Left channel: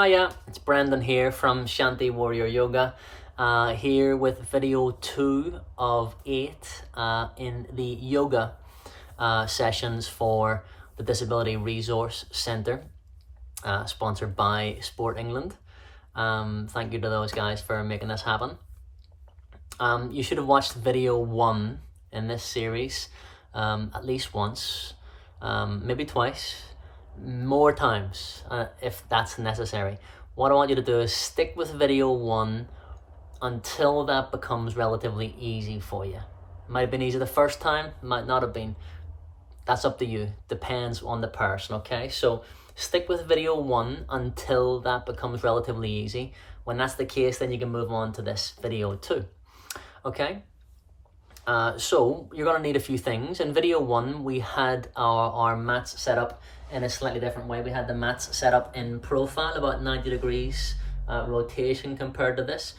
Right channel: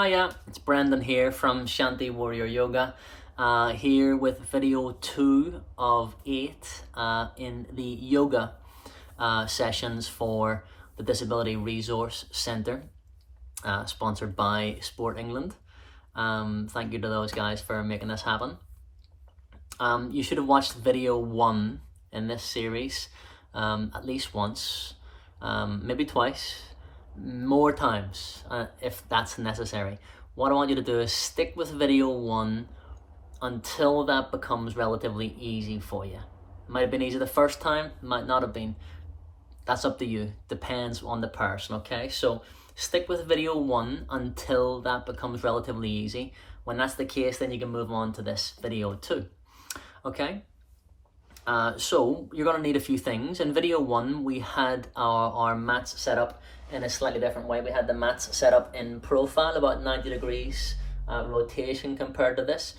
Hiya, it's Brendan here from Shanti Warrior Yoga, here with video 2 of 8 in the yoga sessions for the Disability Resource Centre, sponsored by Sport England. Thank you to those guys for making this happen. You should have watched video 1 in this series at least once, maybe twice, more times if that's necessary. What I want you to do is stick with video 1 until that becomes relatively easy for you. It might have been easy the first time, might not have been. That's up to you. Depends on the person, okay? So stick with video 1 until that becomes relatively easy. When that's the case, then you can move on to this video 2, okay? So you're going to need a few things. In video 1, we had our mats set up in a slightly different way. We had the mats set up in profile, about 90 degrees rotation compared to this.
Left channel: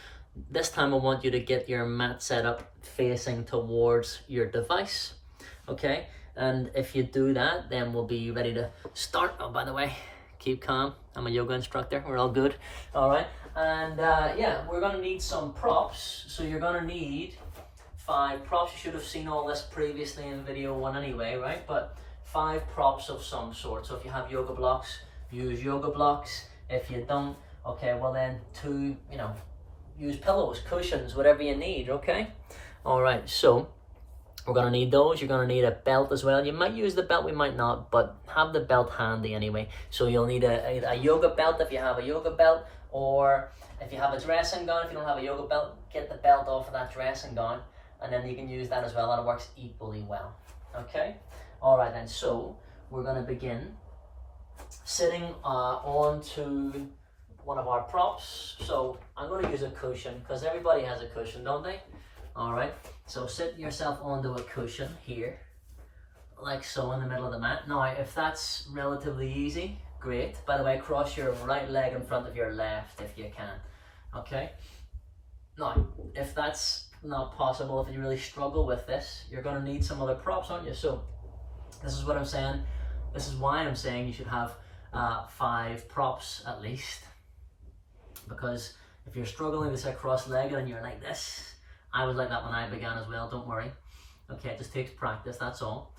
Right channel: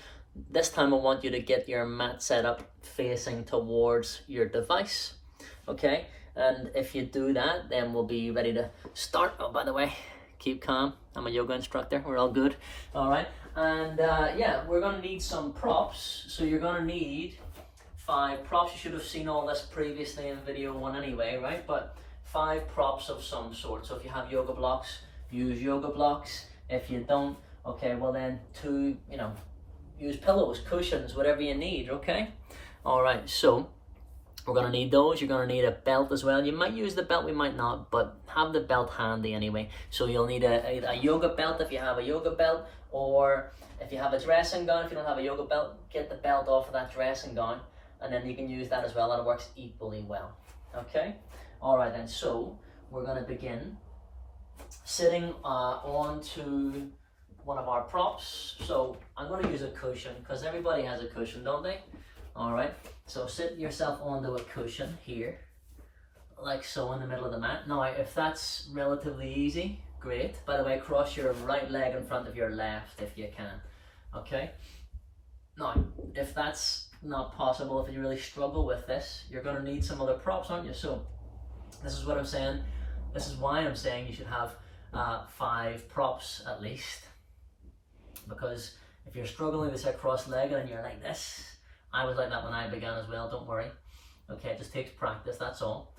This time I want you to get your mat set up facing towards your device, okay? And if you do that, then we'll be ready to start. Oh, by the way, keep calm. I'm a yoga instructor. We're all good. All right. And yeah, we're going to need some props. So you're going to need 5 props. You should have seen all this previously in video 1 anyway, right? But 5 props of some sort. So if you have yoga blocks, use yoga blocks. If you don't, okay, well then use pillows, cushions, whatever you need, okay? All right, so we're gonna need those. You're gonna need a belt as well. You might use the belt, we might not, but have the belt handy anyway. So you'll need a yoga belt if you have a yoga belt, or if you have a dressing gown. If you don't have a yoga belt, get the belt off of that dressing gown, and then you can use that as well, and it works equally well, okay? All right then, so we're gonna begin sitting onto one of our props. So I'm gonna use a cushion, because everybody has a cushion, don't they? All right, so sit yourself onto a cushion here, like so, in the middle of the mat. Now, if that's relatively easy, great. By the way, cross your right leg in front of your left if you can, okay? Now, if that's not possible, if you really struggle with this, you're gonna need some other props, aren't you? So this is what I'm saying. This is why I'm saying you should have 5 props at least, because if you're struggling to sit cross-legged and you're like this, I was like that when I began as well, don't worry. Okay, it just takes practice, that's all.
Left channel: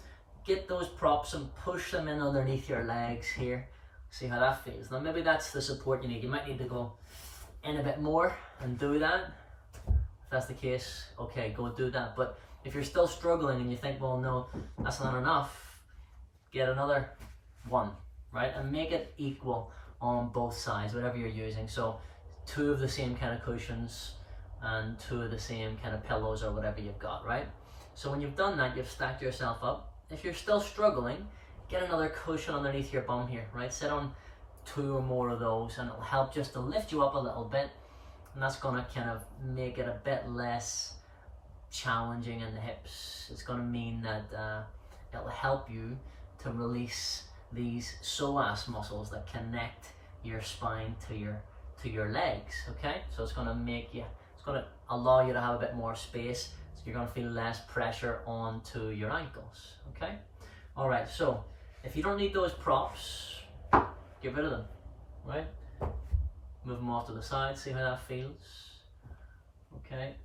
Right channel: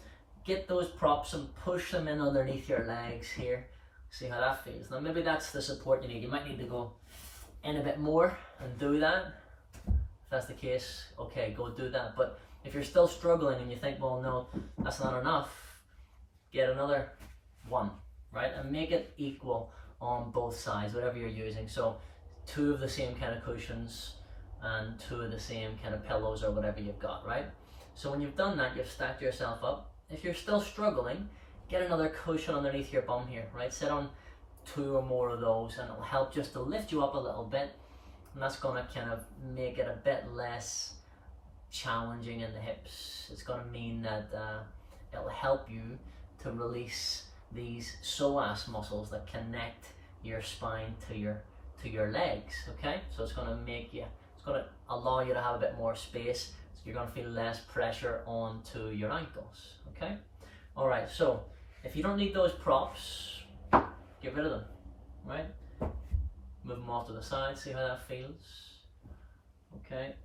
Get those props and push them in underneath your legs here. See how that feels. Now maybe that's the support you need. You might need to go in a bit more and do that. If that's the case, okay, go do that. But if you're still struggling and you think, well, no, that's not enough, get another one, right? And make it equal on both sides, whatever you're using. So 2 of the same kind of cushions and 2 of the same kind of pillows or whatever you've got, right? So when you've done that, you've stacked yourself up. If you're still struggling, get another cushion underneath your bum here, right? Sit on 2 or more of those, and it'll help just to lift you up a little bit, and that's gonna kind of make it a bit less challenging in the hips. It's gonna mean that it'll help you to release these psoas muscles that connect your spine to your legs, okay? So it's gonna allow you to have a bit more space, so you're gonna feel less pressure onto your ankles, okay? All right, so if you don't need those props, get rid of them, right? Move them off to the side, see how that feels, okay?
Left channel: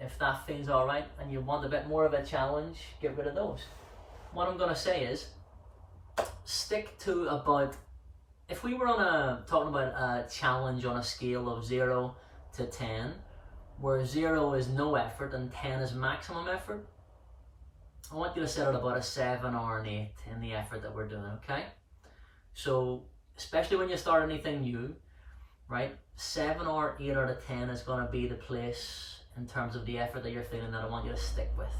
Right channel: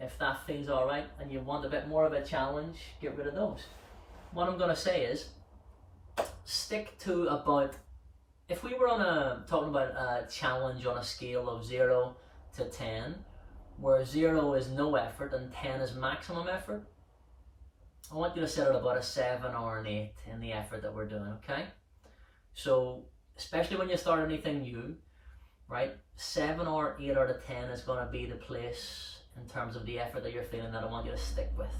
If that feels all right and you want a bit more of a challenge, get rid of those. What I'm gonna say is, stick to about, if we were talking about a challenge on a scale of 0 to 10, where 0 is no effort and 10 is maximum effort, I want you to set it about a 7 or an 8 in the effort that we're doing, okay? So, especially when you start anything new, right? 7 or 8 out of 10 is gonna be the place in terms of the effort that you're feeling that I want you to stick with.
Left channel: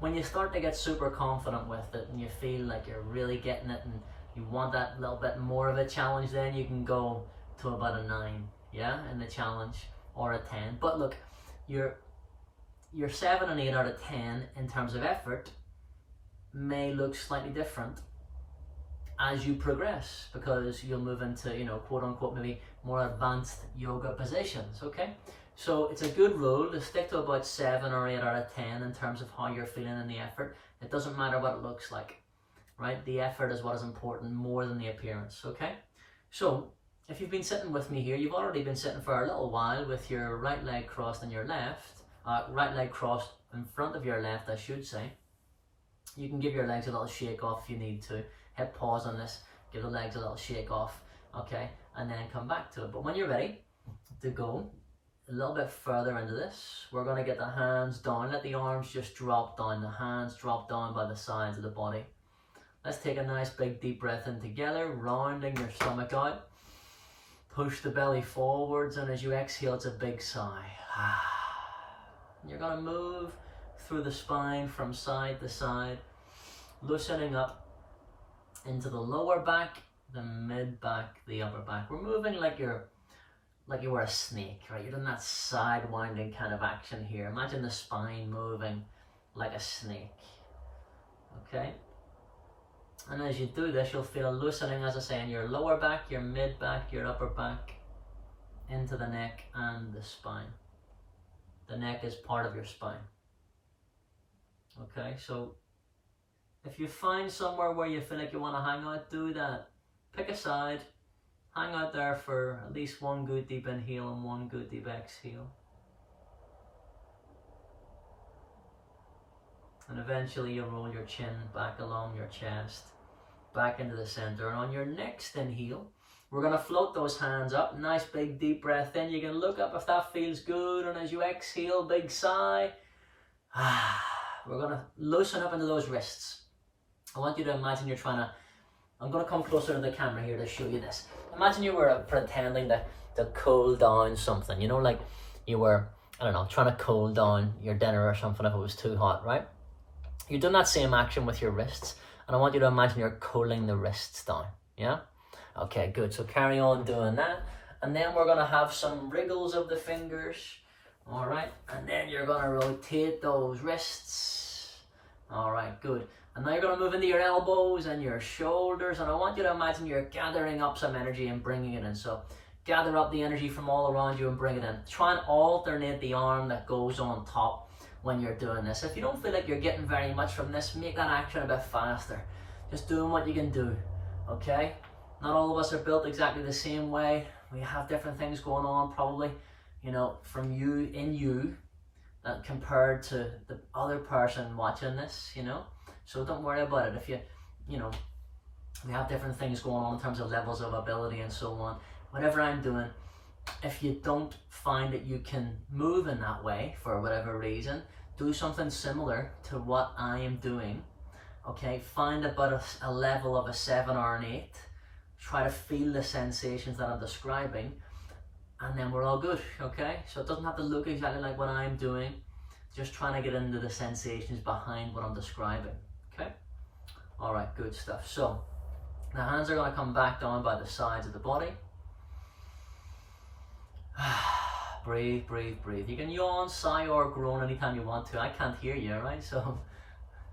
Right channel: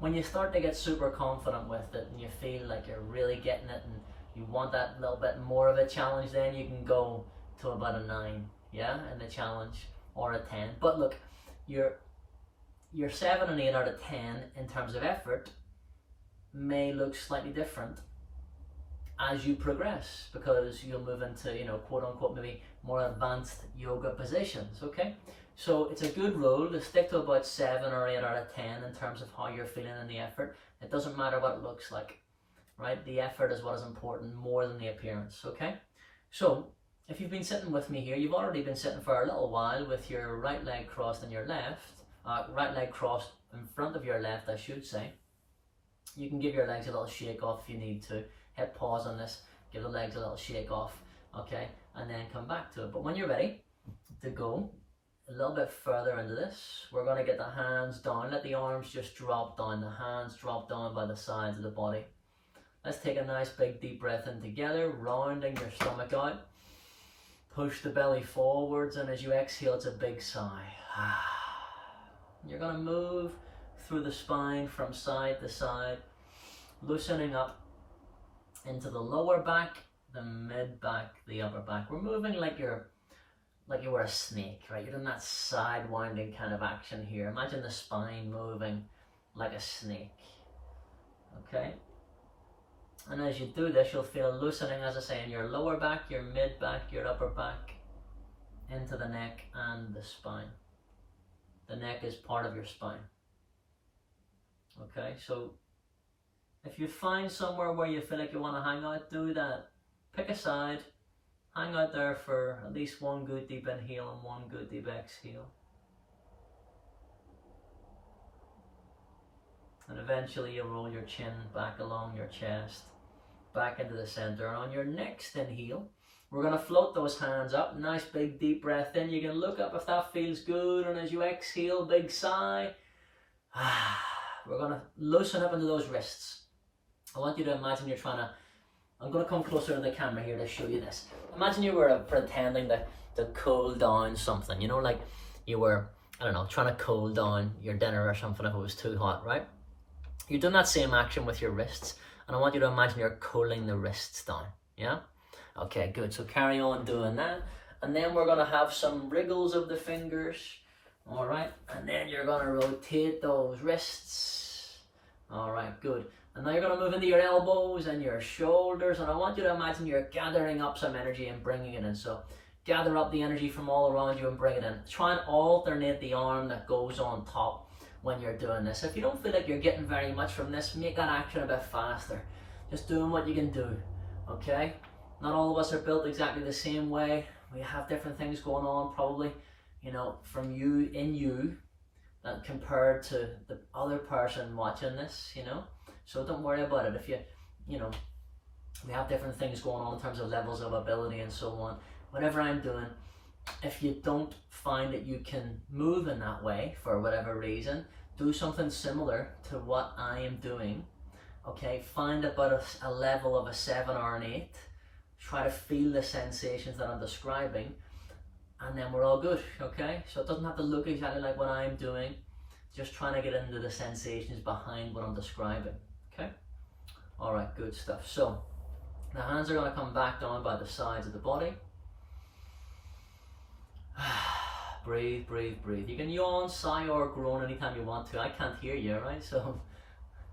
When you start to get super confident with it and you feel like you're really getting it and you want that little bit more of a challenge, then you can go to about a 9, yeah, in the challenge, or a 10. But look, your 7 and 8 out of 10 in terms of effort may look slightly different as you progress, because you'll move into, quote unquote, maybe more advanced yoga positions, okay? So it's a good rule to stick to about 7 or 8 out of 10 in terms of how you're feeling in the effort. It doesn't matter what it looks like, right? The effort is what is important more than the appearance, okay? So if you've been sitting with me here, you've already been sitting for a little while with your right leg crossed on your left, right leg crossed in front of your left, I should say. You can give your legs a little shake off if you need to. Hit pause on this, give the legs a little shake off, okay? And then come back to it. But when you're ready to go a little bit further into this, we're gonna get the hands down. Let the arms just drop down, the hands drop down by the sides of the body. Let's take a nice big deep breath in together, rounding your stomach out. Push the belly forwards, and as you exhale, it's a big sigh. You're gonna move through the spine from side to side, loosening up into the lower back, the mid back, the upper back. We're moving like you were a snake, right? You're doing that side winding kind of action here. Imagine the spine moving like a snake, okay? And as you do this, you'll feel a loosening, as I say, in your lower back, your mid back, your upper back, into the neck and the spine. The neck is part of your spine. Okay, so if you find somewhere where you feel like you want to hang out, do that. Pick a side, hang out there for at least one good deep inhale and one good deep exhale. And eventually you'll roll your chin back along your chest, back into the center. And on your next inhale, we're going to float those hands up. Nice big deep breath in. You can look up if that feels good. And as you exhale, big sigh. We're going to loosen up into those wrists. I want you to imagine you're trying to, I'm going to come closer to the camera here to show you this. Imagine you were pretending to cool down something. You know, like you were, I don't know, trying to cool down your dinner or something if it was too hot, right? You're doing that same action with your wrists, and I want you to imagine you're cooling the wrists down, yeah? Okay, good, so carry on doing that, and then we're gonna have some wriggles of the fingers, all right? And then you're gonna rotate those wrists, all right, good. And now you're gonna move into your elbows and your shoulders, and I want you to imagine you're gathering up some energy and bringing it in. So gather up the energy from all around you and bring it in. Try and alternate the arm that goes on top when you're doing this. If you don't feel like you're getting very much from this, make that action a bit faster. Just doing what you can do, okay? Not all of us are built exactly the same way. We have different things going on probably, you know, from you that compared to the other person watching this, you know? So don't worry about it. If you know, we have different things going on in terms of levels of ability and so on. Whatever I'm doing, if you don't find that you can move in that way for whatever reason, do something similar to what I am doing, okay? Find about a level of a 7 or an 8. Try to feel the sensations that I'm describing, and then we're all good, okay? So it doesn't have to look exactly like what I'm doing, just trying to get into the sensations behind what I'm describing, okay? All right, good stuff. So the hands are gonna come back down by the sides of the body. Breathe, breathe, breathe. You can yawn, sigh, or groan anytime you want to. I can't hear you, right? So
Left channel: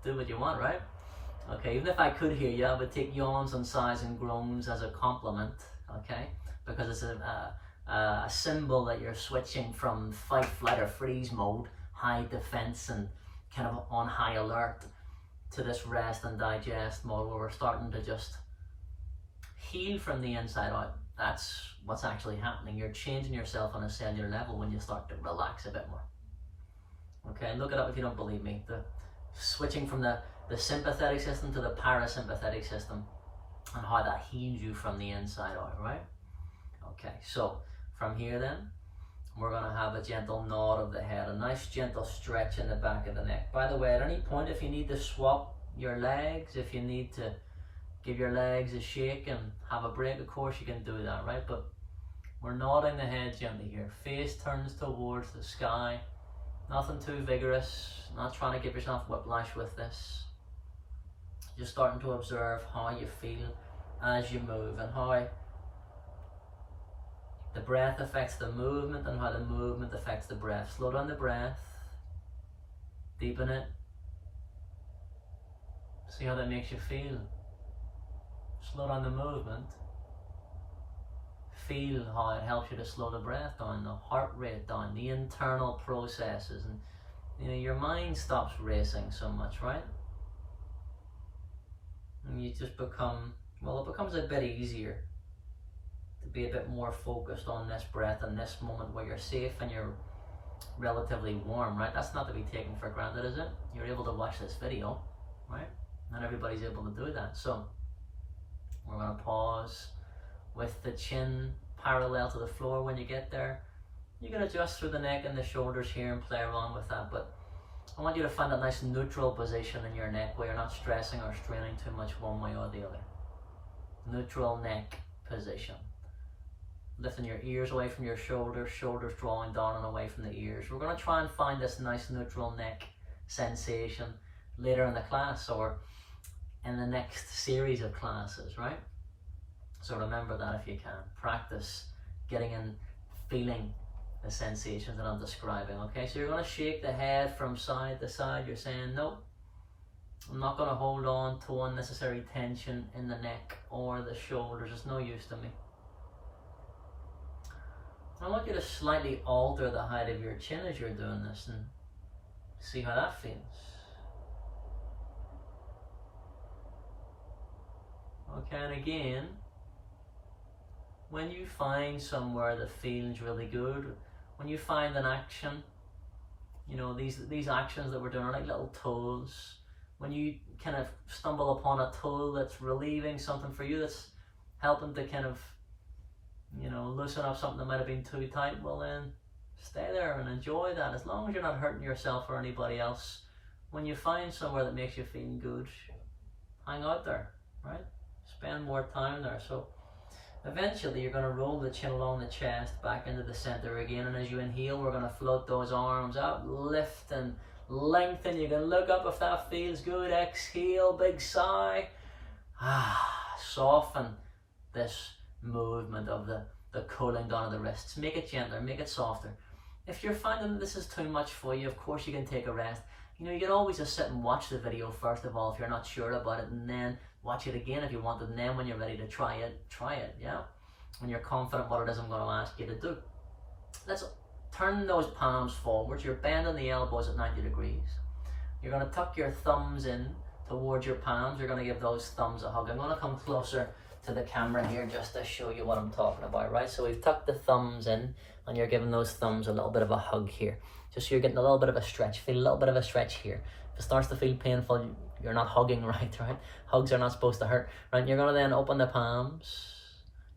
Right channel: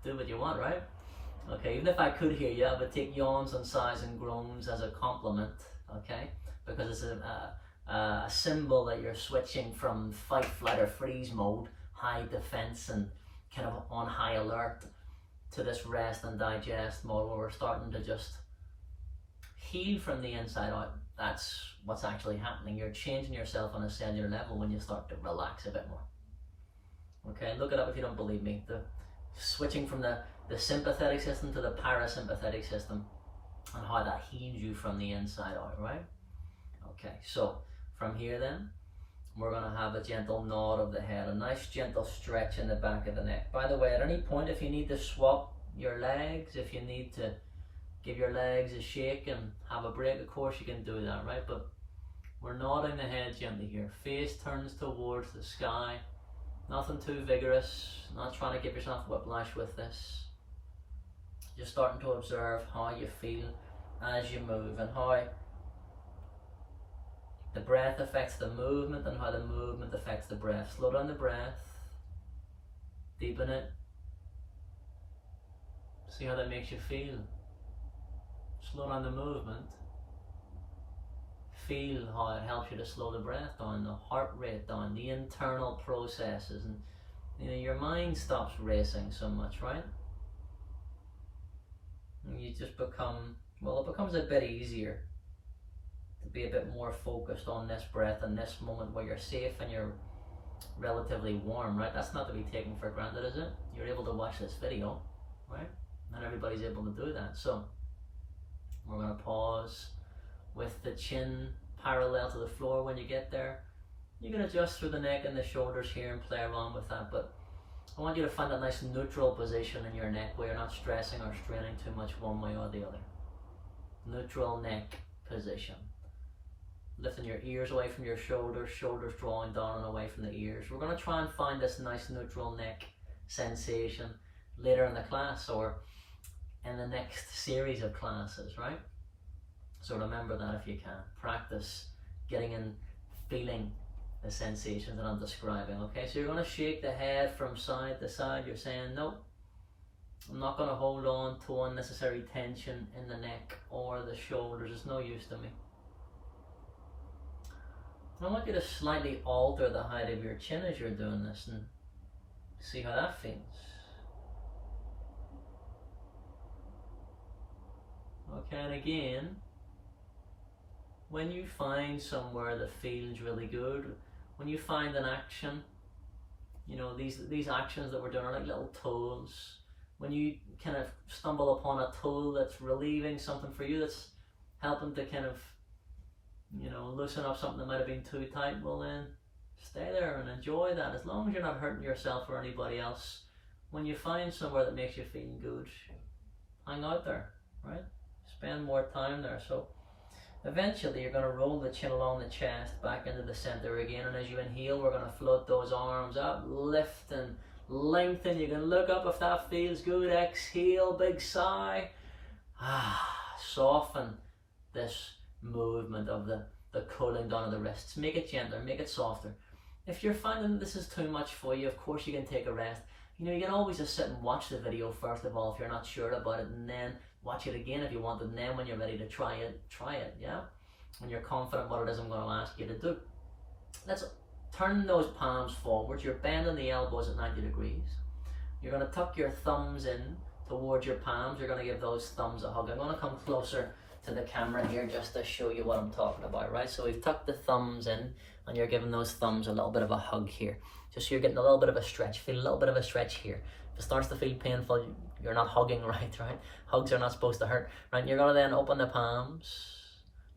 do what you want, right? Okay, even if I could hear you, I would take yawns and sighs and groans as a compliment, okay? Because it's a symbol that you're switching from fight, flight, or freeze mode, high defense and kind of on high alert, to this rest and digest mode where we're starting to just heal from the inside out. That's what's actually happening. You're changing yourself on a cellular level when you start to relax a bit more. Okay, look it up if you don't believe me. The switching from the sympathetic system to the parasympathetic system and how that heals you from the inside out, right? Okay, so from here then, we're gonna have a gentle nod of the head, a nice gentle stretch in the back of the neck. By the way, at any point, if you need to swap your legs, if you need to give your legs a shake and have a break, of course you can do that, right? But we're nodding the head gently here. Face turns towards the sky. Nothing too vigorous, not trying to give yourself whiplash with this. Just starting to observe how you feel as you move and how the breath affects the movement and how the movement affects the breath. Slow down the breath, deepen it. See how that makes you feel. Slow down the movement. Feel how it helps you to slow the breath down, the heart rate down, the internal processes, and you know, your mind stops racing so much, right? And you just become, well, it becomes a bit easier. to be a bit more focused on this breath and this moment where you're safe and you're relatively warm, right? That's not to be taken for granted, is it? You're able to watch this video, right? Not everybody's able to do that. So we're going to pause with the chin parallel to the floor when you get there. You can adjust through the neck and the shoulders here and play around with that, but I want you to find that nice neutral position in your neck where you're not stressing or straining too much one way or the other. Neutral neck position. Lifting your ears away from your shoulders, shoulders drawing down and away from the ears. We're going to try and find this nice neutral neck sensation later in the class or in the next series of classes, right? So remember that if you can. Practice getting in, feeling the sensations that I'm describing, okay? So you're going to shake the head from side to side. You're saying, nope, I'm not going to hold on to unnecessary tension in the neck or the shoulders. It's no use to me. I want you to slightly alter the height of your chin as you're doing this and see how that feels. Okay, and again, when you find somewhere that feels really good, when you find an action, you know, these actions that we're doing are like little tools. When you kind of stumble upon a tool that's relieving something for you, that's helping to kind of, you know, loosen up something that might have been too tight, well then stay there and enjoy that. As long as you're not hurting yourself or anybody else, when you find somewhere that makes you feel good, hang out there, right? Spend more time there. So eventually you're going to roll the chin along the chest back into the center again, and as you inhale we're going to float those arms up, lift and lengthen. You can look up if that feels good. Exhale, big sigh. Soften this movement of the cooling down of the wrists. Make it gentler, make it softer. If you're finding that this is too much for you, of course you can take a rest. You know, you can always just sit and watch the video first of all if you're not sure about it, and then watch it again if you want, and then when you're ready to try it, yeah? When you're confident what it is I'm going to ask you to do. Let's turn those palms forwards. You're bending the elbows at 90 degrees. You're going to tuck your thumbs in towards your palms. You're going to give those thumbs a hug. I'm going to come closer to the camera here just to show you what I'm talking about, right? So we've tucked the thumbs in and you're giving those thumbs a little bit of a hug here. Just so you're getting a little bit of a stretch. Feel a little bit of a stretch here. If it starts to feel painful, you're not hugging right? Hugs are not supposed to hurt, right? You're going to then open the palms,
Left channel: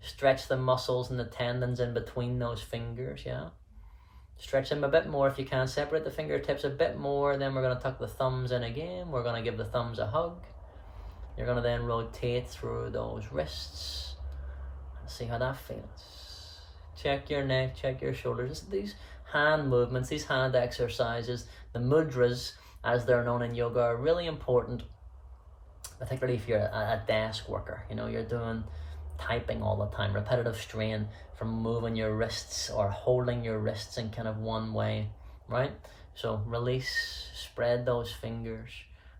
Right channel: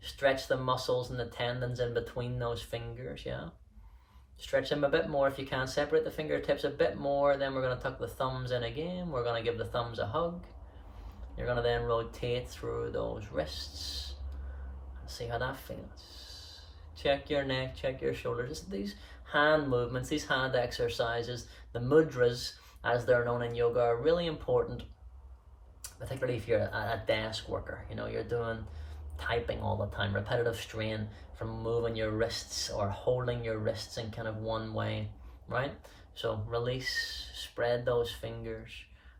stretch the muscles and the tendons in between those fingers, yeah? Stretch them a bit more if you can. Separate the fingertips a bit more. Then we're going to tuck the thumbs in again. We're going to give the thumbs a hug. You're going to then rotate through those wrists and see how that feels. Check your neck, check your shoulders. These hand movements, these hand exercises, the mudras as they're known in yoga, are really important, particularly if you're a desk worker. You know, you're doing typing all the time, repetitive strain from moving your wrists or holding your wrists in kind of one way, right? So release, spread those fingers.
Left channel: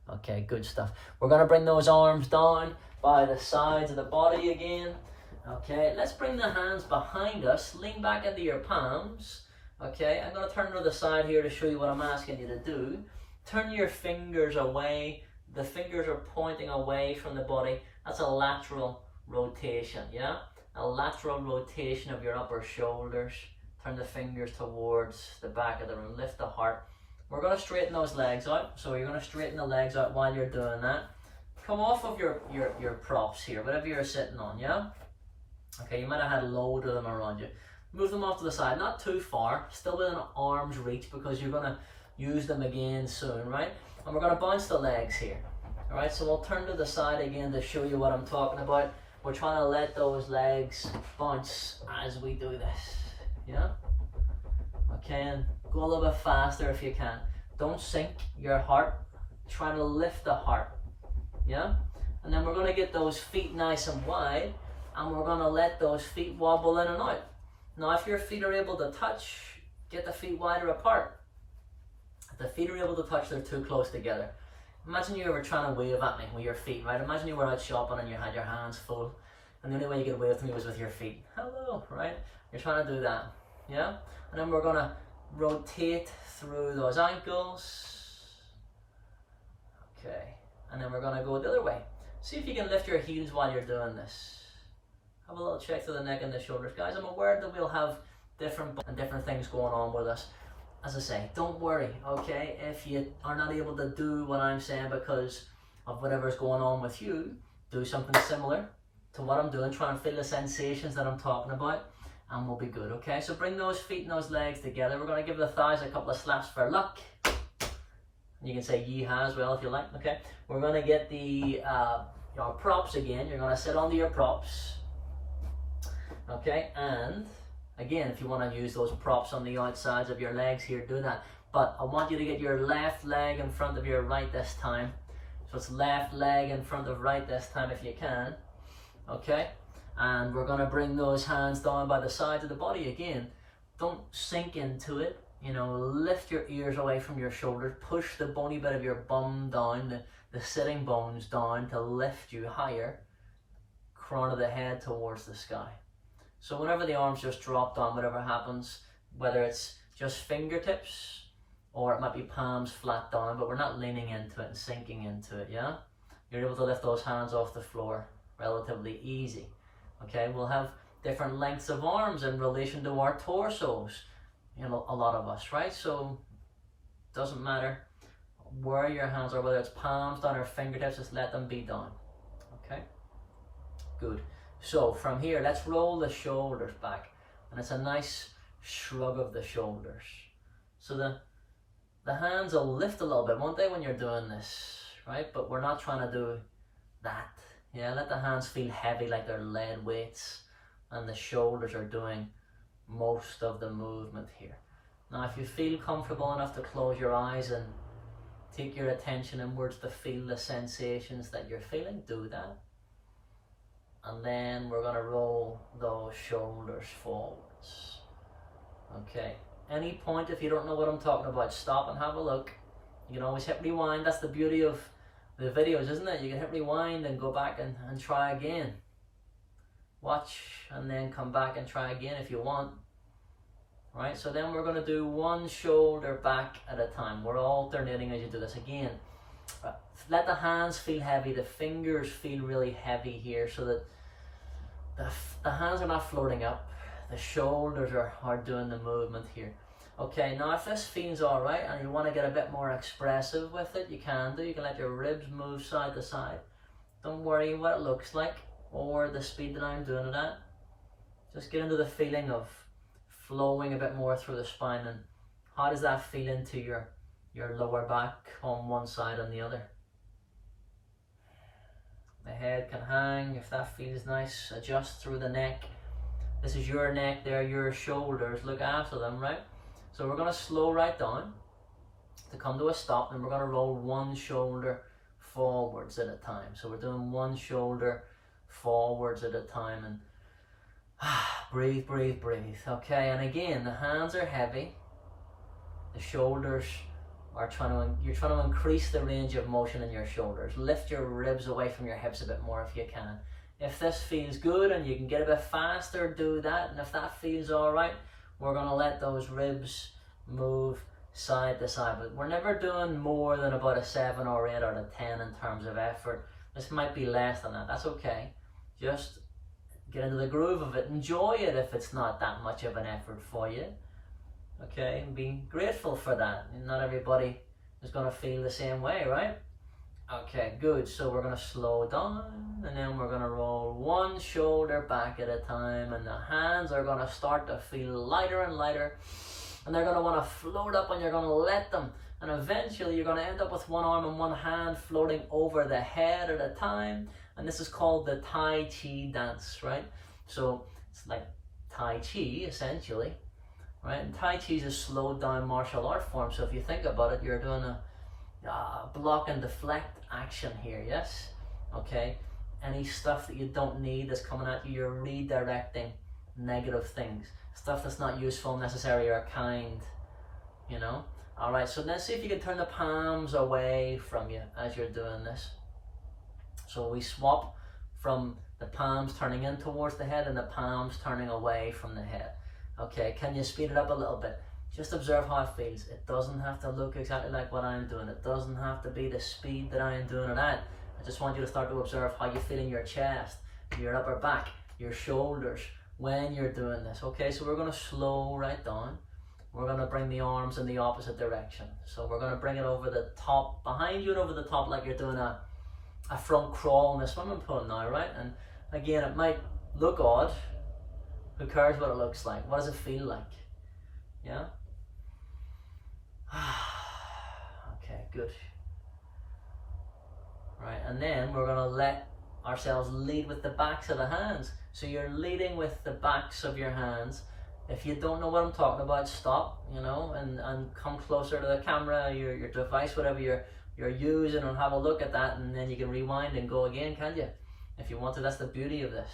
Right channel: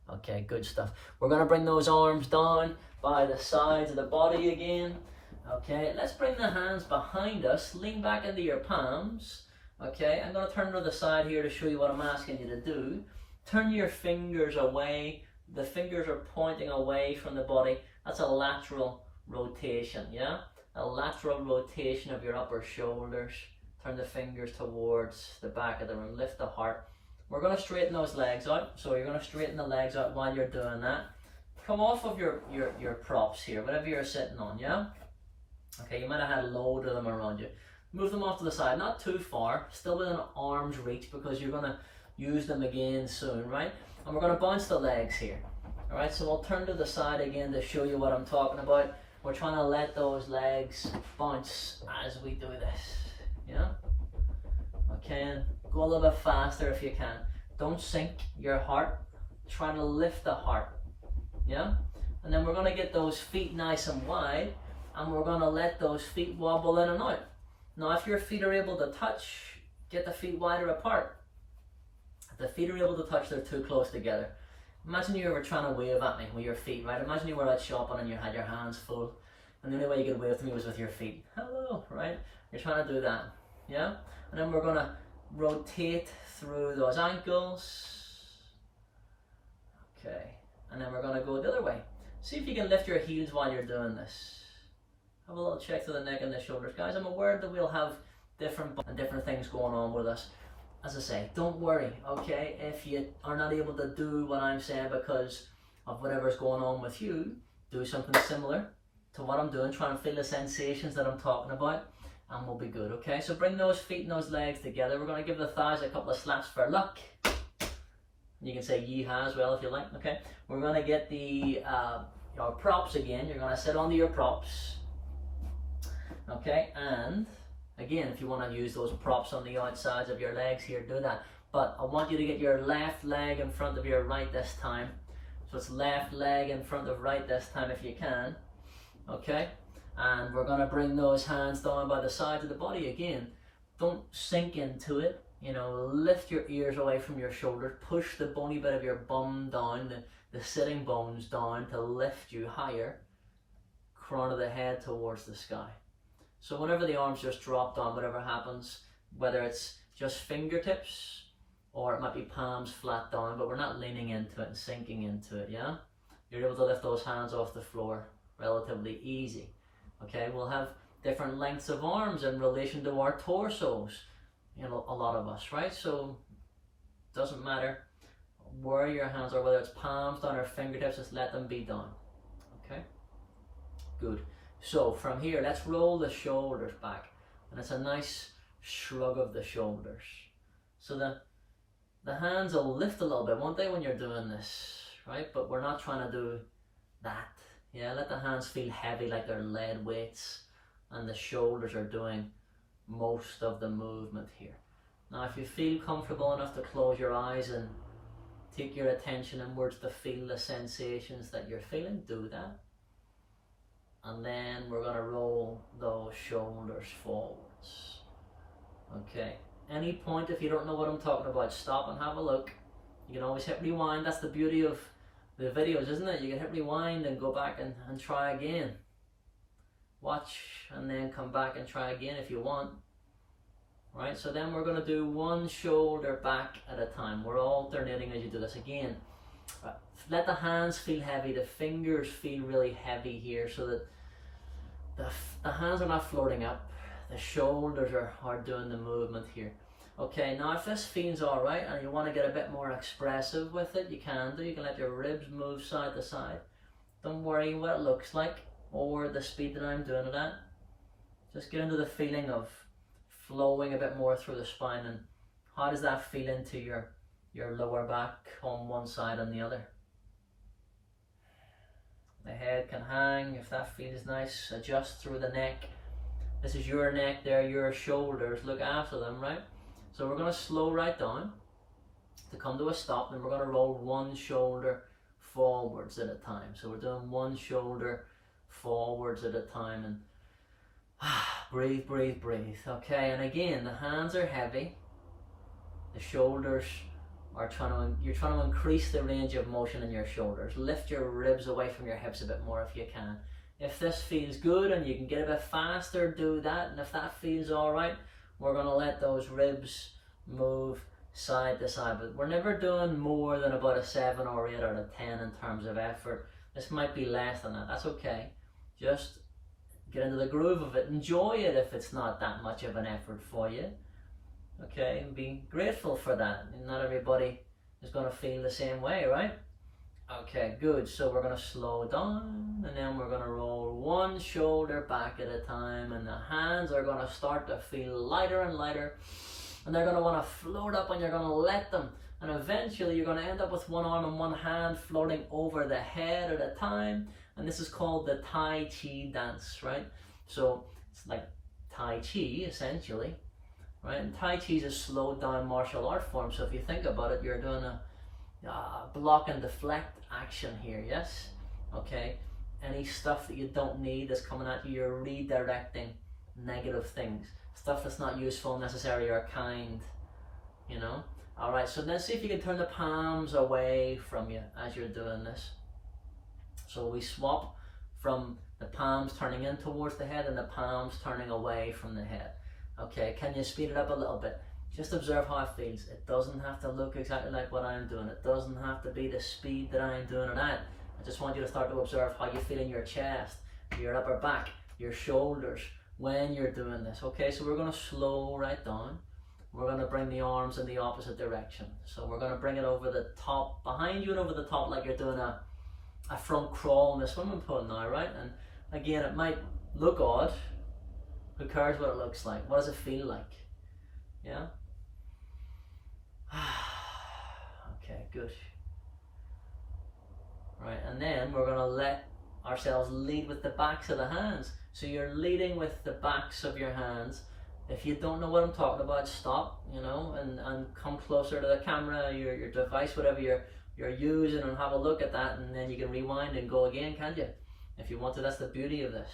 Okay, good stuff. We're going to bring those arms down by the sides of the body again. Okay, let's bring the hands behind us. Lean back into your palms. Okay, I'm going to turn to the side here to show you what I'm asking you to do. Turn your fingers away. The fingers are pointing away from the body. That's a lateral rotation, yeah? A lateral rotation of your upper shoulders. Turn the fingers towards the back of the room. Lift the heart. We're going to straighten those legs out. So you're going to straighten the legs out while you're doing that. Come off of your props here, whatever you're sitting on, yeah? Okay, you might have had a load of them around you. Move them off to the side, not too far, still within arm's reach, because you're going to use them again soon, right? And we're going to bounce the legs here. All right, so we'll turn to the side again to show you what I'm talking about. We're trying to let those legs bounce as we do this, yeah? Okay, and go a little bit faster if you can. Don't sink your heart. Try to lift the heart, yeah? And then we're going to get those feet nice and wide, and we're going to let those feet wobble in and out. Now, if your feet are able to touch, get the feet wider apart. If the feet are able to touch, they're too close together. Imagine you were trying to wave at me with your feet, right? Imagine you were out shopping and you had your hands full, and the only way you could wave to me was with your feet. Hello, right? You're trying to do that, yeah? And then we're going to rotate through those ankles. Okay, and then we're going to go the other way. See if you can lift your heels while you're doing this. Have a little check to the neck and the shoulders. Guys, I'm aware that we'll have different things going on with us. As I say, don't worry, okay? If you are not able to do what I'm saying because of whatever's going on with you, do something similar to what I'm doing. Try and feel the sensations that I'm talking about, and we'll be good, okay? So bring those feet and those legs together. We're going to give the thighs a couple of slaps for luck. You can say yeehaw as well if you like, okay? We're going to get the your props again. You're going to sit onto your props, okay? And again, if you want to use those props on the outsides of your legs here, do that. But I want you to get your left leg in front of your right this time. So it's left leg in front of right this time if you can, okay? And we're going to bring those hands down by the sides of the body again. Don't sink into it. You know, lift your ears away from your shoulders. Push the bony bit of your bum down, the sitting bones down to lift you higher. Crown of the head towards the sky. So whenever the arms just drop down, whatever happens, whether it's just fingertips or it might be palms flat down, but we're not leaning into it and sinking into it, yeah? You're able to lift those hands off the floor relatively easy. Okay, we'll have different lengths of arms in relation to our torsos. You know, a lot of us, right? So doesn't matter where your hands are, whether it's palms down or fingertips, just let them be down. Okay, good. So from here, let's roll the shoulders back, and it's a nice shrug of the shoulders. So the hands will lift a little bit, won't they, when you're doing this, right? But we're not trying to do that. Yeah, let the hands feel heavy like they're lead weights, and the shoulders are doing most of the movement here. Now if you feel comfortable enough to close your eyes and take your attention inwards to feel the sensations that you're feeling, do that. And then we're going to roll those shoulders forwards. Okay, any point if you don't know what I'm talking about, stop and have a look. You can always hit rewind. That's the beauty of the videos, isn't it? You can hit rewind and go back and try again. Watch and then come back and try again if you want. Right, so then we're going to do one shoulder back at a time. We're alternating as you do this again. Let the hands feel heavy, the fingers feel really heavy here, so that the hands are not floating up, the shoulders are doing the movement here. Okay, now if this feels alright and you want to get a bit more expressive with it, you can do. You can let your ribs move side to side. Don't worry what it looks like or the speed that I'm doing it at. Just get into the feeling of flowing a bit more through the spine, and how does that feel into your lower back on one side and the other. The head can hang if that feels nice. Adjust through the neck. This is your neck, there, your shoulders. Look after them, right? So we're going to slow right down to come to a stop, and we're going to roll one shoulder forwards at a time. So we're doing one shoulder forwards at a time, and breathe, breathe, breathe. Okay, and again, the hands are heavy. The shoulders are you're trying to increase the range of motion in your shoulders. Lift your ribs away from your hips a bit more if you can. If this feels good and you can get a bit faster, do that. And if that feels all right, we're going to let those ribs move side to side. But we're never doing more than about a 7 or 8 out of 10 in terms of effort. This might be less than that. That's okay. Just get into the groove of it. Enjoy it if it's not that much of an effort for you. Okay, and be grateful for that. Not everybody is going to feel the same way, right? Okay, good. So we're going to slow down, and then we're going to roll one shoulder back at a time, and the hands are going to start to feel lighter and lighter, and they're going to want to float up, and you're going to let them, and eventually you're going to end up with one arm and one hand floating over the head at a time, and this is called the Tai Chi dance, right? So it's like Tai Chi essentially, right? And Tai Chi is a slowed down martial art form, so if you think about it, you're doing a block and deflect action here, yes? Okay, any stuff that you don't need that's coming at you, you're redirecting negative things, stuff that's not useful, necessary, or kind, you know? All right, so let's see if you can turn the palms away from you as you're doing this. So we swap from the palms turning in towards the head and the palms turning away from the head. Okay, can you speed it up a little bit? Just observe how it feels. It doesn't have to look exactly like what I'm doing. It doesn't have to be the speed that I'm doing it at. I just want you to start to observe how you feel in your chest, your upper back, your shoulders when you're doing this. Okay, so we're going to slow right down. We're going to bring the arms in the opposite direction. So we're going to bring it over the top, behind you and over the top, like you're doing a front crawl in a swimming pool now, right? And again, it might look odd. Who cares what it looks like? What does it feel like? Yeah? Okay, good. Right, and then we're going to let ourselves lead with the backs of the hands. So you're leading with the backs of your hands. If you don't know what I'm talking about, stop, you know, and come closer to the camera, your device, whatever you're using, and have a look at that, and then you can rewind and go again, can't you? If you want to, that's the beauty of this.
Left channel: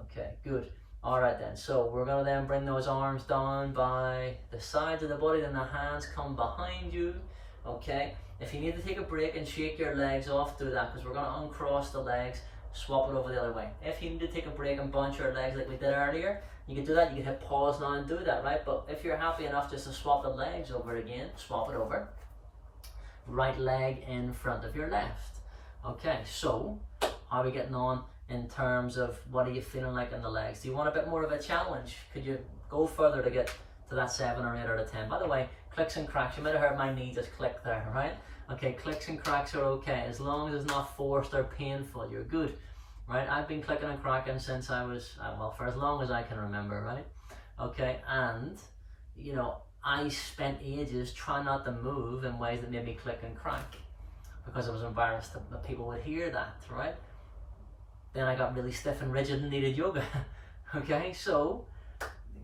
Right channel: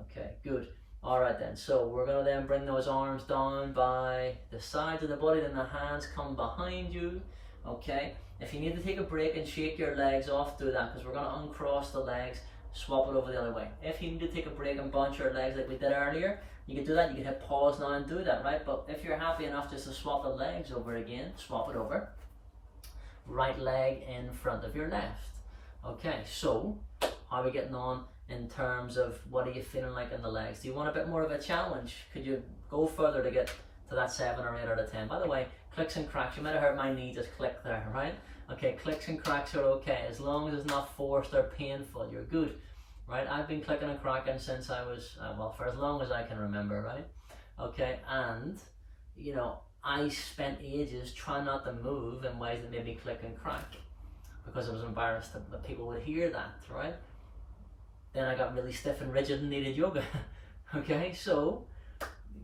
Okay, good. All right then, so we're gonna then bring those arms down by the sides of the body, then the hands come behind you, okay? If you need to take a break and shake your legs off, do that, because we're gonna uncross the legs, swap it over the other way. If you need to take a break and bounce your legs like we did earlier, you can do that. You can hit pause now and do that, right? But if you're happy enough just to swap the legs over again, swap it over. Right leg in front of your left. Okay, so how are we getting on in terms of what are you feeling like in the legs? Do you want a bit more of a challenge? Could you go further to get to that 7 or 8 out of 10? By the way, clicks and cracks, you might have heard my knee just click there, right? Okay, clicks and cracks are okay, as long as it's not forced or painful, you're good, right? I've been clicking and cracking since I was, well, for as long as I can remember, right? Okay, and, you know, I spent ages trying not to move in ways that made me click and crack because I was embarrassed that people would hear that, right? Then I got really stiff and rigid and needed yoga. Okay, so,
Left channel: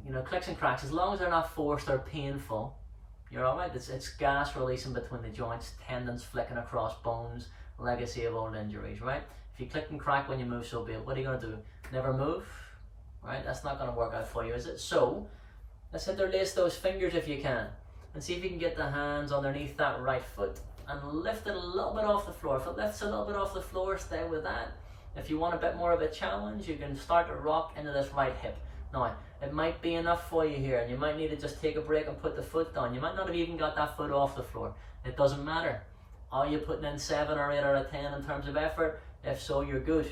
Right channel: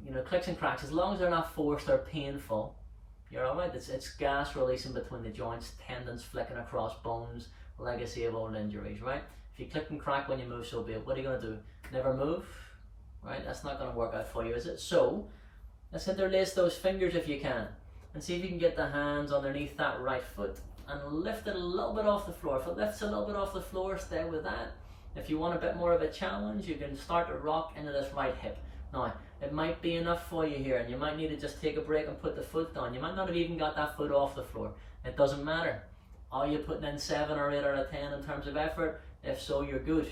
you know, clicks and cracks, as long as they're not forced or painful, you're all right. It's gas releasing between the joints, tendons flicking across bones, legacy of old injuries, right? If you click and crack when you move, so be it. What are you going to do? Never move, right? That's not going to work out for you, is it? So, let's interlace those fingers if you can, and see if you can get the hands underneath that right foot and lift it a little bit off the floor. If it lifts a little bit off the floor, stay with that. If you want a bit more of a challenge, you can start to rock into this right hip. Now, it might be enough for you here, and you might need to just take a break and put the foot down. You might not have even got that foot off the floor. It doesn't matter. Are you putting in 7 or 8 out of 10 in terms of effort? If so, you're good.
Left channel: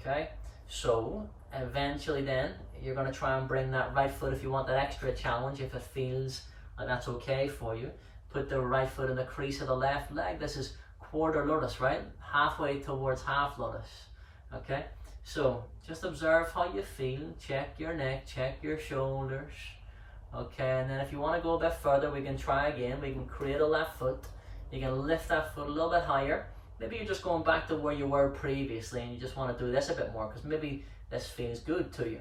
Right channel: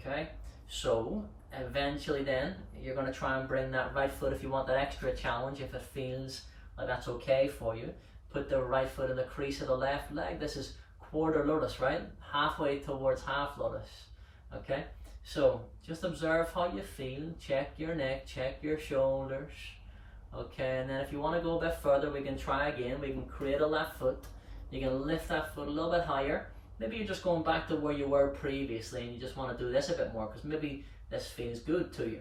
Okay? So, eventually then, you're going to try and bring that right foot, if you want that extra challenge, if it feels like that's okay for you. Put the right foot in the crease of the left leg. This is quarter lotus, right? Halfway towards half lotus. Okay? So, just observe how you feel. Check your neck, check your shoulders. Okay, and then if you want to go a bit further, we can try again. We can cradle that foot. You can lift that foot a little bit higher. Maybe you're just going back to where you were previously and you just want to do this a bit more because maybe this feels good to you.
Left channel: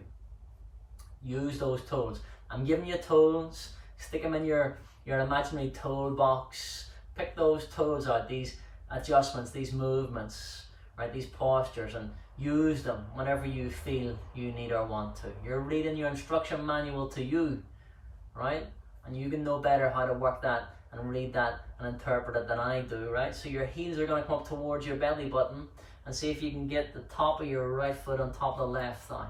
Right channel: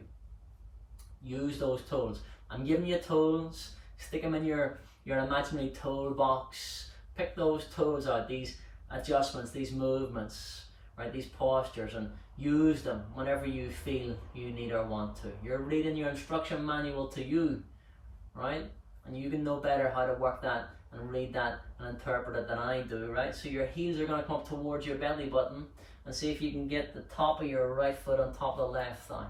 Use those tools. I'm giving you tools. Stick them in your imaginary tool box. Pick those tools out, these adjustments, these movements, right, these postures, and use them whenever you feel you need or want to. You're reading your instruction manual to you, right? And you can know better how to work that and read that and interpret it than I do, right? So your heels are going to come up towards your belly button, and see if you can get the top of your right foot on top of the left thigh.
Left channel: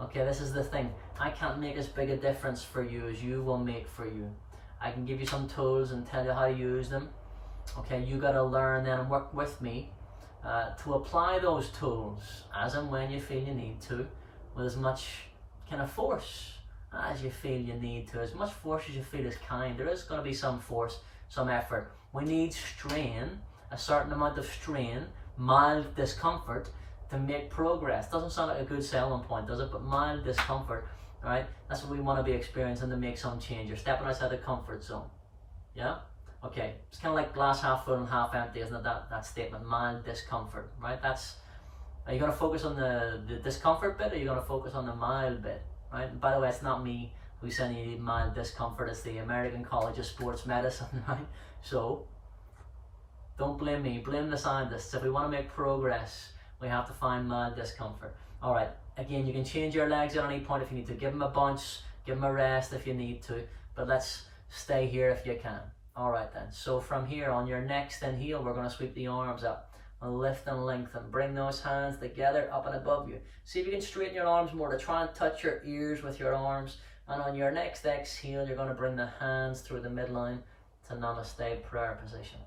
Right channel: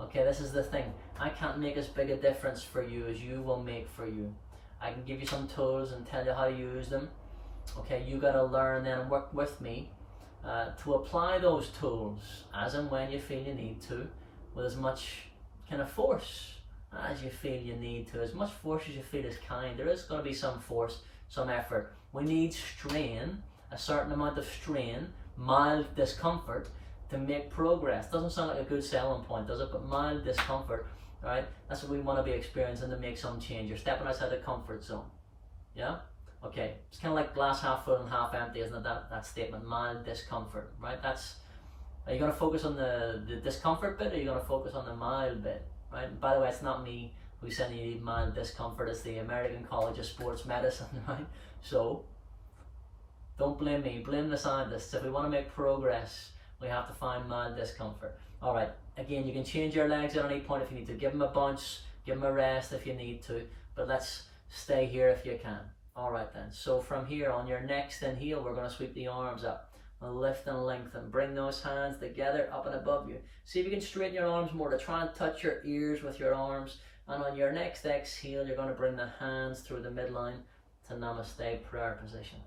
Okay, this is the thing. I can't make as big a difference for you as you will make for you. I can give you some tools and tell you how to use them. Okay, you got to learn then and work with me to apply those tools as and when you feel you need to, with as much kind of force as you feel you need to, as much force as you feel is kind. There is going to be some force, some effort. We need strain, a certain amount of strain, mild discomfort to make progress. Doesn't sound like a good selling point, does it? But mild discomfort, right? That's what we want to be experiencing to make some change. You're stepping outside the comfort zone. Yeah? Okay, it's kind of like glass half full and half empty, isn't it? That statement, mild discomfort, right? Are you going to focus on the discomfort bit, or are you going to focus on the mild bit, right? And by the way, it's not me who's saying you need mild discomfort, it's the American College of Sports Medicine, right? So, don't blame me, blame the scientists. If we want to make progress, we have to find mild discomfort. All right, again, you can change your legs at any point if you need to. Give them a bunch, give them a rest if you need to, but let's stay here if you can. All right then, so from here on your next inhale, we're going to sweep the arms up and lift and lengthen. Bring those hands together up and above you. See if you can straighten your arms more to try and touch your ears with your arms. And on your next exhale, you're going to bring the hands through the midline to namaste prayer position.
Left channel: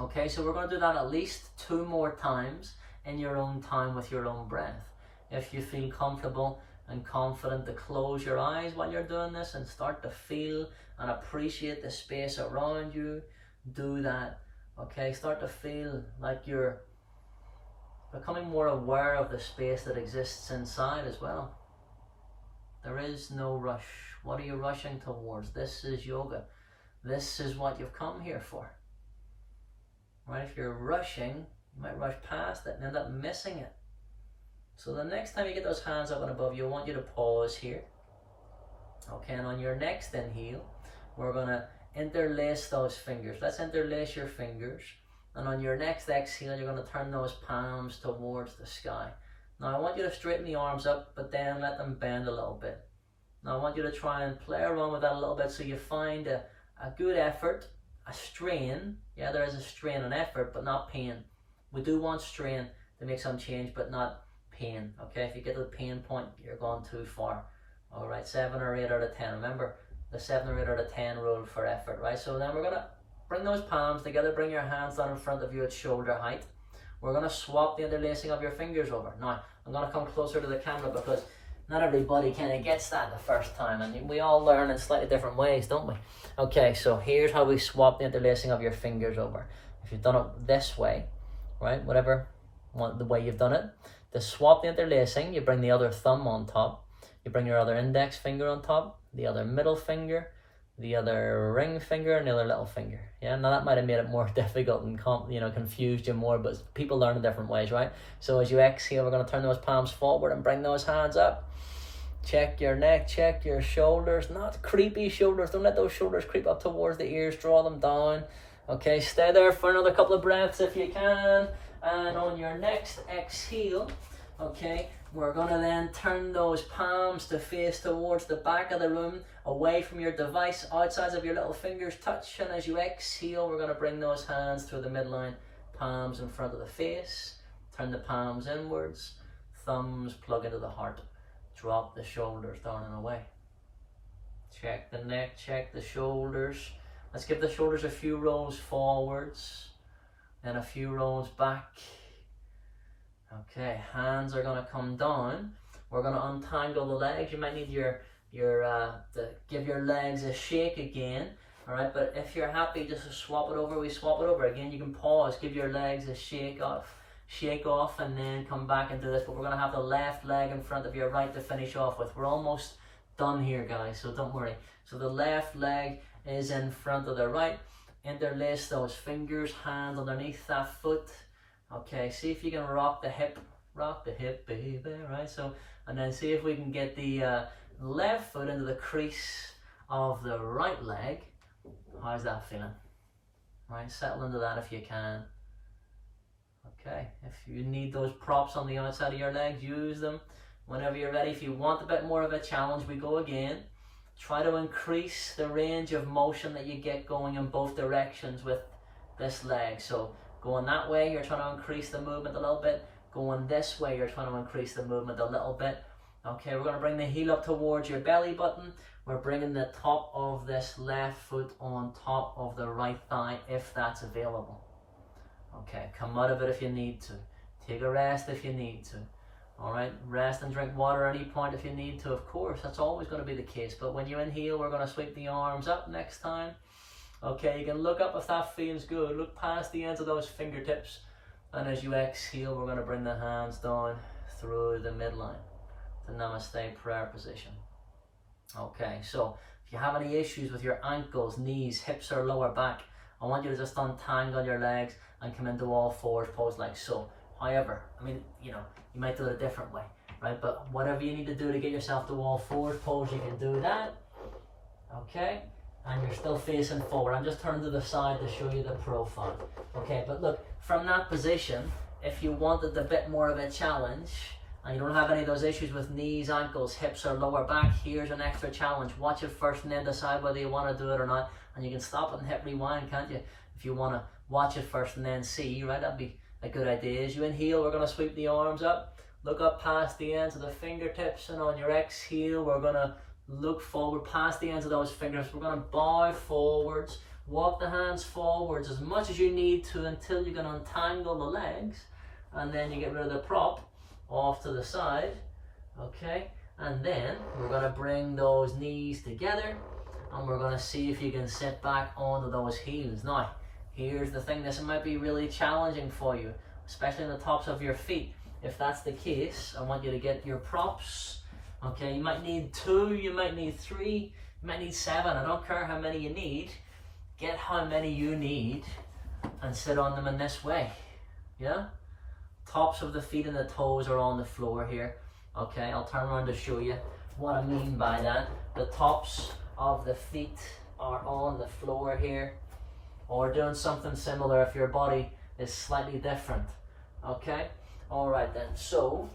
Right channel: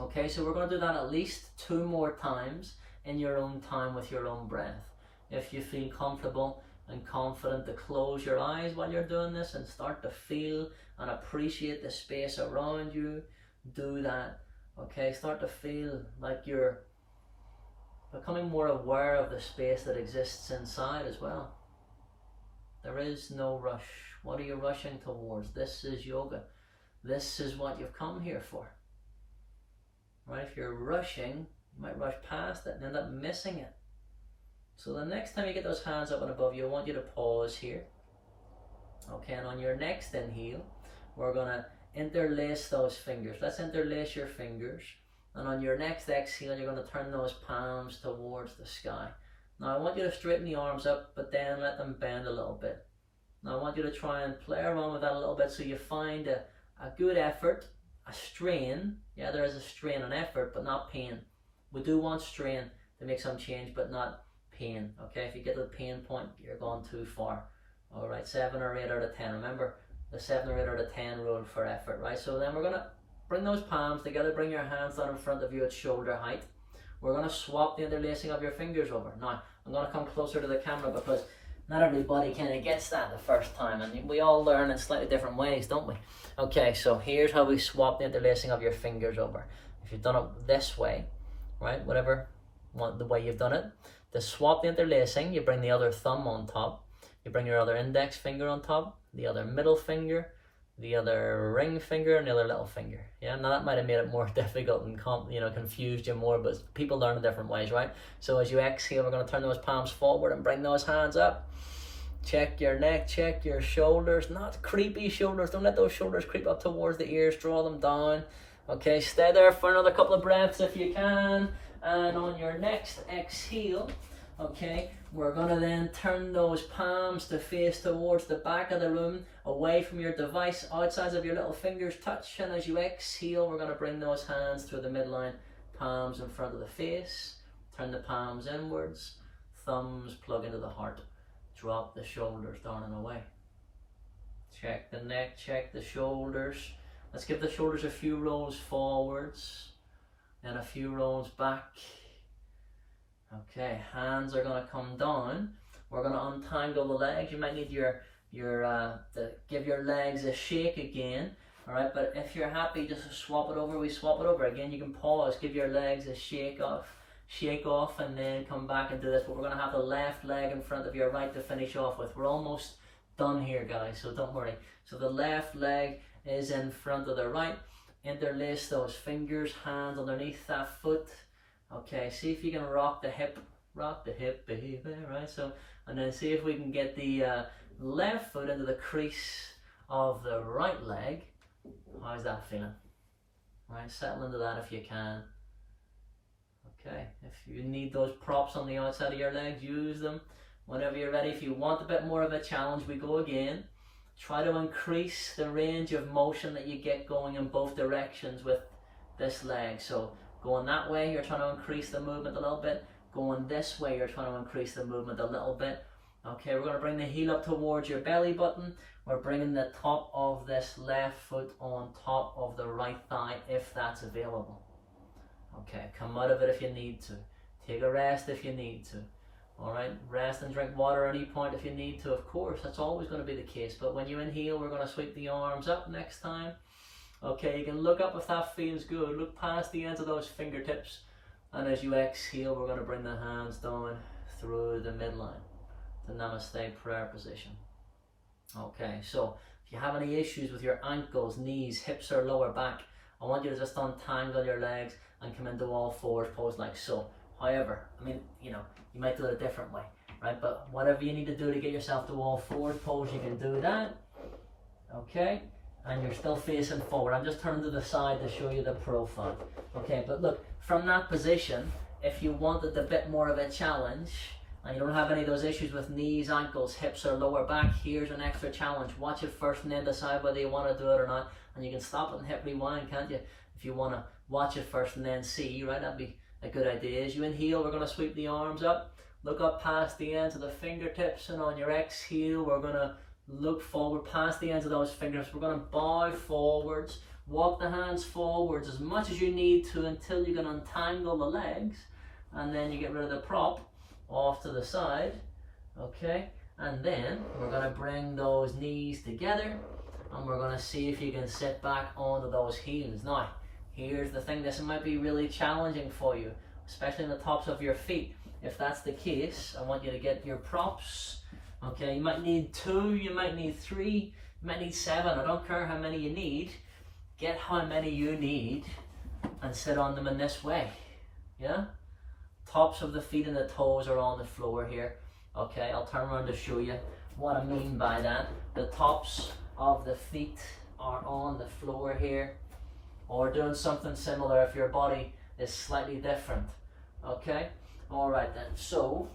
Okay, so we're going to do that at least 2 more times in your own time with your own breath. if you feel comfortable and confident to close your eyes while you're doing this and start to feel and appreciate the space around you, do that. Okay, start to feel like you're becoming more aware of the space that exists inside as well. There is no rush. What are you rushing towards? This is yoga. This is what you've come here for. Right? If you're rushing, you might rush past it and end up missing it. So the next time you get those hands up and above you, I want you to pause here. Okay, and on your next inhale, we're going to interlace those fingers. Let's interlace your fingers. And on your next exhale, you're going to turn those palms towards the sky. Now I want you to straighten the arms up, but then let them bend a little bit. Now I want you to try and play around with that a little bit so you find a good effort, a strain. Yeah, there is a strain and effort, but not pain. We do want strain to make some change, but not pain. Okay, if you get to the pain point, you're going too far. All right, 7 or 8 out of 10. Remember the 7 or 8 out of 10 rule for effort, right? So then we're going to bring those palms together, bring your hands down in front of you at shoulder height. We're going to swap the interlacing of your fingers over. Now, I'm going to come closer to the camera because not everybody kind of gets that the first time, and we all learn in slightly different ways, don't we? Okay, so here's how we swap the interlacing of your fingers over. If you've done it this way, right, whatever the way you've done it, to swap the interlacing, you bring the other thumb on top, you bring your other index finger on top, the other middle finger, the other ring finger, and the other little finger. Yeah, now that might have made it more difficult and confused you more, but people learn in different ways, right? So as you exhale, we're going to turn those palms forward and bring those hands up. Check your neck, check your shoulders, not creepy shoulders. Don't let those shoulders creep up towards the ears, draw them down. Okay, stay there for another couple of breaths if you can. And on your next exhale, okay, we're going to then turn those palms to face towards the back of the room, away from your device, outsides of your little fingers touch. And as you exhale, we're going to bring those hands through the midline, palms in front of the face, turn the palms inwards, thumbs plug into the heart. Drop the shoulders down and away. Check the neck, check the shoulders. Let's give the shoulders a few rolls forwards, then a few rolls back. Okay, hands are going to come down. We're going to untangle the legs. You might need to give your legs a shake again. All right, but if you're happy just to swap it over, we swap it over. Again, you can pause, give your legs a shake off, and then come back and do this. But we're going to have the left leg in front of your right to finish off with. We're almost done here, guys, so don't worry. So the left leg is in front of the right. Interlace those fingers, hands underneath that foot. Okay, see if you can rock the hip, baby, right? So, and then see if we can get the left foot into the crease of the right leg. How's that feeling? Right, settle into that if you can. Okay, if you need those props on the outside of your legs, use them whenever you're ready. If you want a bit more of a challenge, we go again. Try to increase the range of motion that you get going in both directions with this leg. So going that way, you're trying to increase the movement a little bit. Going this way, you're trying to increase the movement a little bit. Okay, we're going to bring the heel up towards your belly button. We're bringing the top of this left foot on top of the right thigh if that's available. Okay, come out of it if you need to. Take a rest if you need to. All right, rest and drink water at any point if you need to. Of course, that's always going to be the case. But when you inhale, we're going to sweep the arms up next time. Okay, you can look up if that feels good. Look past the ends of those fingertips. And as you exhale, we're going to bring the hands down through the midline, the namaste prayer position. Okay, so if you have any issues with your ankles, knees, hips, or lower back, I want you to just untangle your legs and come into all fours pose like so. However, I mean, you might do it a different way, right? But whatever you need to do to get yourself to all fours pose, you can do that. Okay, and you're still facing forward. I'm just turning to the side to show you the profile. Okay, but look, from that position, if you wanted a bit more of a challenge, and you don't have any of those issues with knees, ankles, hips, or lower back, here's an extra challenge. Watch it first and then decide whether you want to do it or not. And you can stop it and hit rewind, can't you? If you want to watch it first and then see, right? That'd be a good idea. As you inhale, we're going to sweep the arms up. Look up past the ends of the fingertips. And on your exhale, we're going to look forward past the ends of those fingertips. We're going to bow forwards. Walk the hands forwards as much as you need to until you can untangle the legs. And then you get rid of the prop. off to the side, okay? And then we're gonna bring those knees together and we're gonna see if you can sit back onto those heels. Now, here's the thing, this might be really challenging for you, especially in the tops of your feet. If that's the case, I want you to get your props, okay? You might need 2, you might need 3, you might need 7, I don't care how many you need. Get how many you need and sit on them in this way, yeah? Tops of the feet and the toes are on the floor here, okay? I'll turn around to show you what I mean by that. The tops of the feet are on the floor here, or doing something similar if your body is slightly different, okay? All right then, so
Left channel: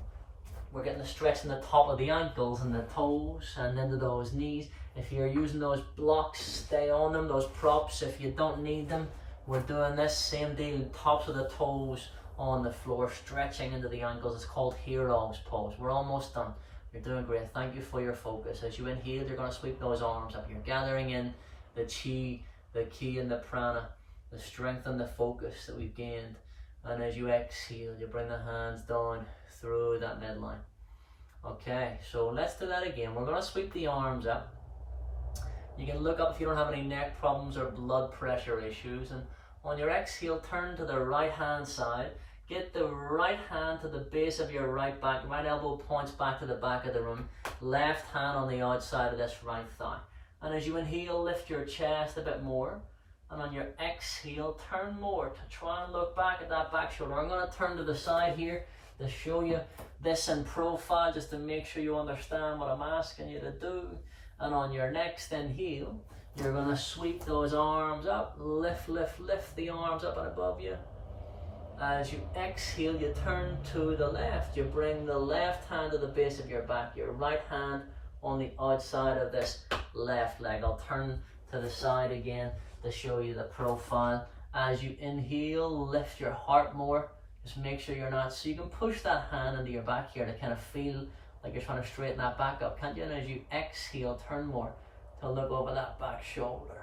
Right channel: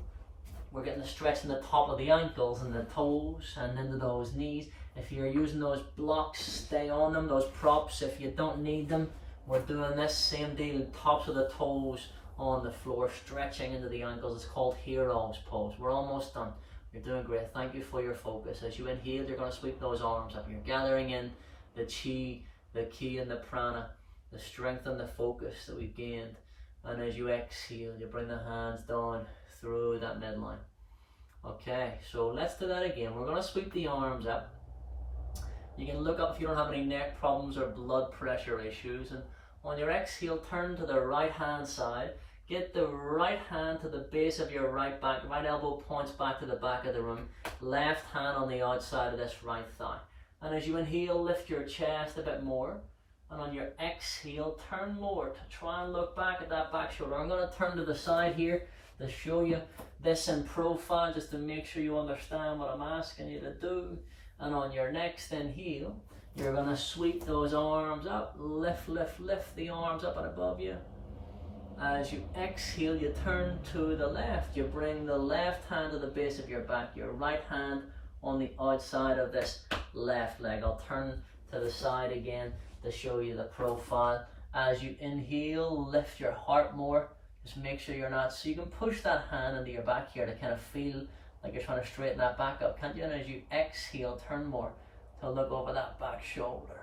we're getting the stretch in the top of the ankles and the toes and into those knees. If you're using those blocks, stay on them, those props. If you don't need them, we're doing this same deal, tops of the toes on the floor, stretching into the ankles. It's called hero's pose. We're almost done. You're doing great. Thank you for your focus. As you inhale, you're going to sweep those arms up. You're gathering in the chi, the ki and the prana, the strength and the focus that we've gained. And as you exhale, you bring the hands down through that midline. Okay, so let's do that again. We're going to sweep the arms up. You can look up if you don't have any neck problems or blood pressure issues. And on your exhale, turn to the right hand side. Get the right hand to the base of your right back. Right elbow points back to the back of the room. Left hand on the outside of this right thigh. And as you inhale, lift your chest a bit more. And on your exhale, turn more to try and look back at that back shoulder. I'm going to turn to the side here to show you this in profile, just to make sure you understand what I'm asking you to do. And on your next inhale, you're going to sweep those arms up. Lift, lift, lift the arms up and above you. As you exhale, you turn to the left. You bring the left hand to the base of your back. Your right hand on the outside of this left leg. I'll turn to the side again to show you the profile. As you inhale, lift your heart more. Just make sure you're not, so you can push that hand into your back here to kind of feel like you're trying to straighten that back up, can't you? And as you exhale, turn more to look over that back shoulder.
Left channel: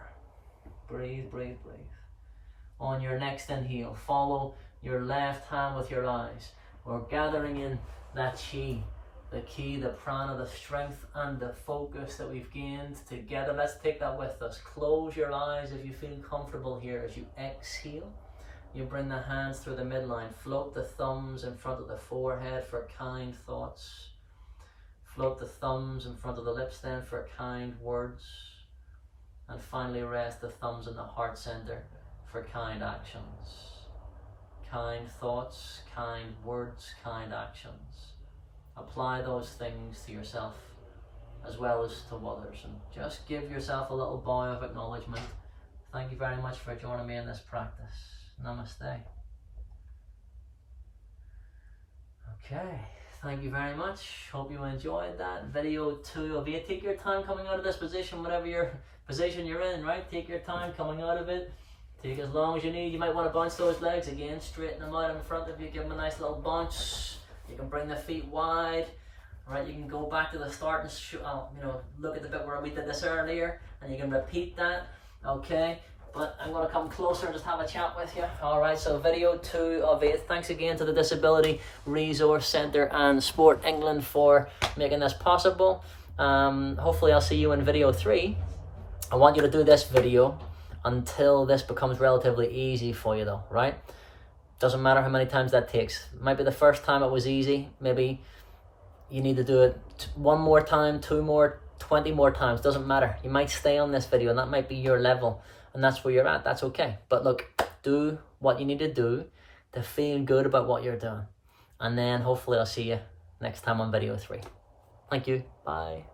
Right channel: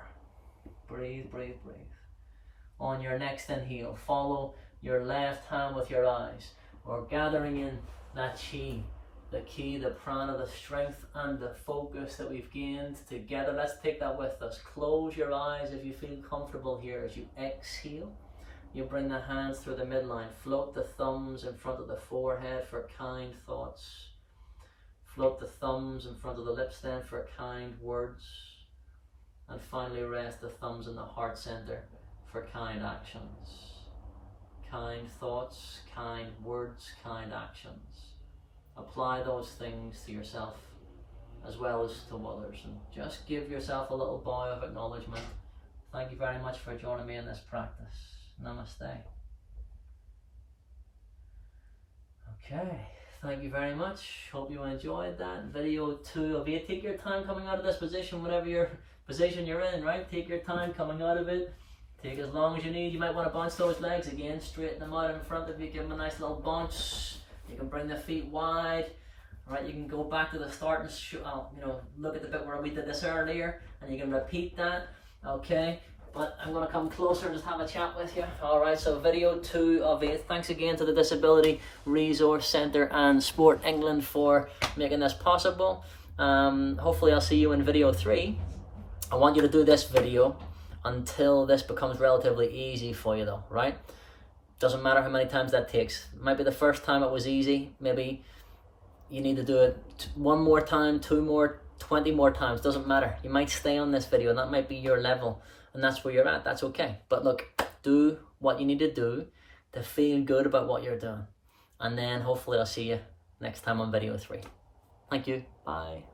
Breathe, breathe, breathe. On your next inhale, follow your left hand with your eyes. We're gathering in that chi, the ki, the prana, the strength and the focus that we've gained together. Let's take that with us. Close your eyes if you feel comfortable here. As you exhale, you bring the hands through the midline. Float the thumbs in front of the forehead for kind thoughts. Float the thumbs in front of the lips then for kind words. And finally rest the thumbs in the heart center for kind actions. Kind thoughts, kind words, kind actions. Apply those things to yourself as well as to others. And just give yourself a little bow of acknowledgement. Thank you very much for joining me in this practice. Namaste. Okay. Thank you very much. Hope you enjoyed that. Video 2 of 8. Take your time coming out of this position, whatever your position you're in, right? Take your time coming out of it. Take as long as you need. You might want to bounce those legs again. Straighten them out in front of you. Give them a nice little bounce. You can bring the feet wide. Right? You can go back to the start and look at the bit where we did this earlier, and you can repeat that. Okay. But I'm going to come closer and just have a chat with you. Alright, so video 2 of 8. Thanks again to the Disability Resource Centre and Sport England for making this possible. Hopefully I'll see you in video 3. I want you to do this video until this becomes relatively easy for you though, right? Doesn't matter how many times that takes. Might be the first time it was easy. Maybe you need to do it 1 more time, 2 more, 20 more times. Doesn't matter. You might stay on this video and that might be your level. And that's where you're at, that's okay. But look, do what you need to do to feel good about what you're doing. And then hopefully I'll see you next time on video 3. Thank you, bye.